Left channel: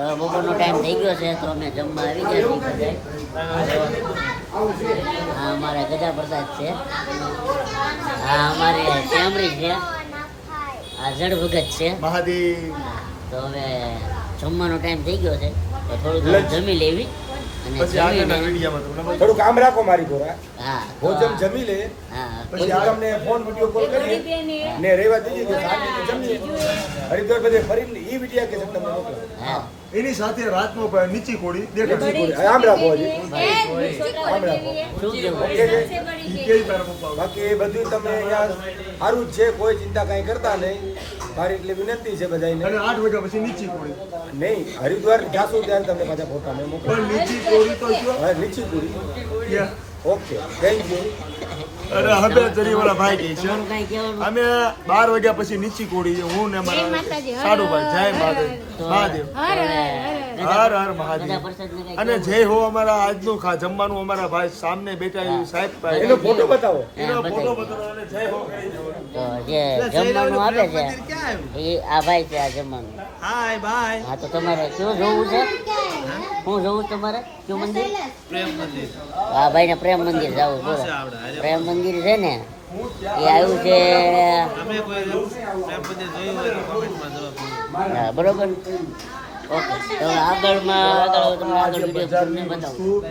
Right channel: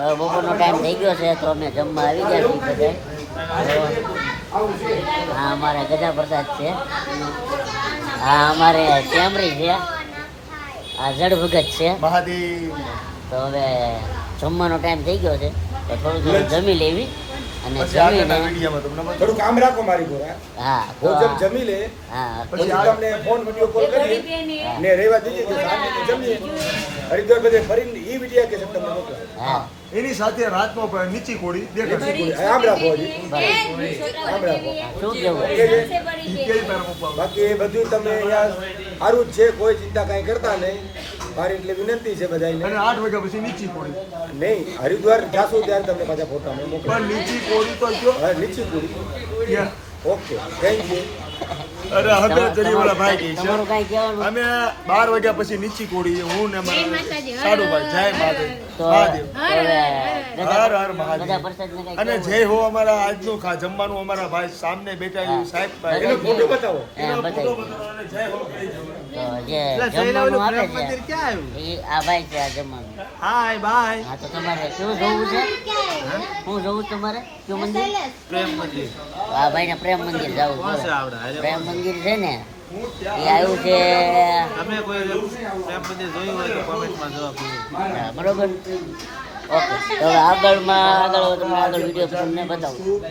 તો બપોરનો ટાઈમ થઈ ગયો છે તો અમે જમવા આવી ગયા છીએ બધા. હા અમારે ગજા પ્રસાદ છે, હા અમારે કેમરી છે, આ જડ ભગત છે મહાદેવ. તો હવે જમવાનો ટાઈમ થઈ ગયો છે તો થોડું થોડું જમી લેવી અને પછી આગળના વિડીયોમાં તમને બતાવું. થોડું કામ રાખો મારી જોડે. હા ભોજન જમી લે હા પછી તમને ફોન વિડીયો કોલ કરીએ ને રહેવા દીધી કે શાંતિથી જમીએ હરિદ્વાર બધે ફરીને ઈ વિડીયો કે તમને મોકલા. હા એની સાથે રાતનો નીચી કોડી દેખાડશે. આમ રાખો હજી આમ રાખો. શું કેવું? ઓકે છે? ઈ કેવી પેલા પપ્પા? બાકી એ બધું તમે અહીંયા સારું જ છે, કોઈ ચિંતા કાંઈ કરતા નહીં. મારી એટલે વિનંતી છે બધાને. અને 8 વાગ્યા પછી નીચી કોડી. નહીં હરિદ્વાર જાશું ત્યારે તમને પાછા ફોટા મેં મોકલા. પણ નીચી કોડી તો જો હા નીચી પૂરી. ત્યાં. Okay thank you. અરે હવે જરીવાળા ભાઈ કહે છે તમારું કાંઈ કહેવાનું? અમે 12 વાગ્યા પછી નીચી કોડી, હું ને મારા સાડુભાઈ. જય મહાદેવ. તો મહાદેવ. તો હવે હર હર મહાદેવ. ગજા પ્રસાદને કાંઈ અને કહેવાનું? જય હો અમારા આજનું જમવાનું અમારા ભાઈ સામને બેઠા છે સાહેબ ભાઈ. એનો ફોટો બતાવો. એનો હા, ફોટો બતાવી. બતાવો અને જય હો. તો જે જમવાનું આપે છે ક્યાં એ આ ભાઈ છે આ જમવાનું. Hi bye. હા તો તમારે શું જોવું છે? શું જોવું છે તમારે? કયું મંદિર? પ્રેમ મંદિર. આ ભાઈને પ્રેમ મંદિર જવું છે. પ્રેમ મંદિર છે ને એ આવ્યું છે તમે કોઈ પ્રેમ મંદિર જોયું હોય તો કોમેન્ટમાં જવાબ આપો. હા, બરોબર. ઓકે તો હવે આગળ તમને આગળ વિડીયો તમને બતાવું.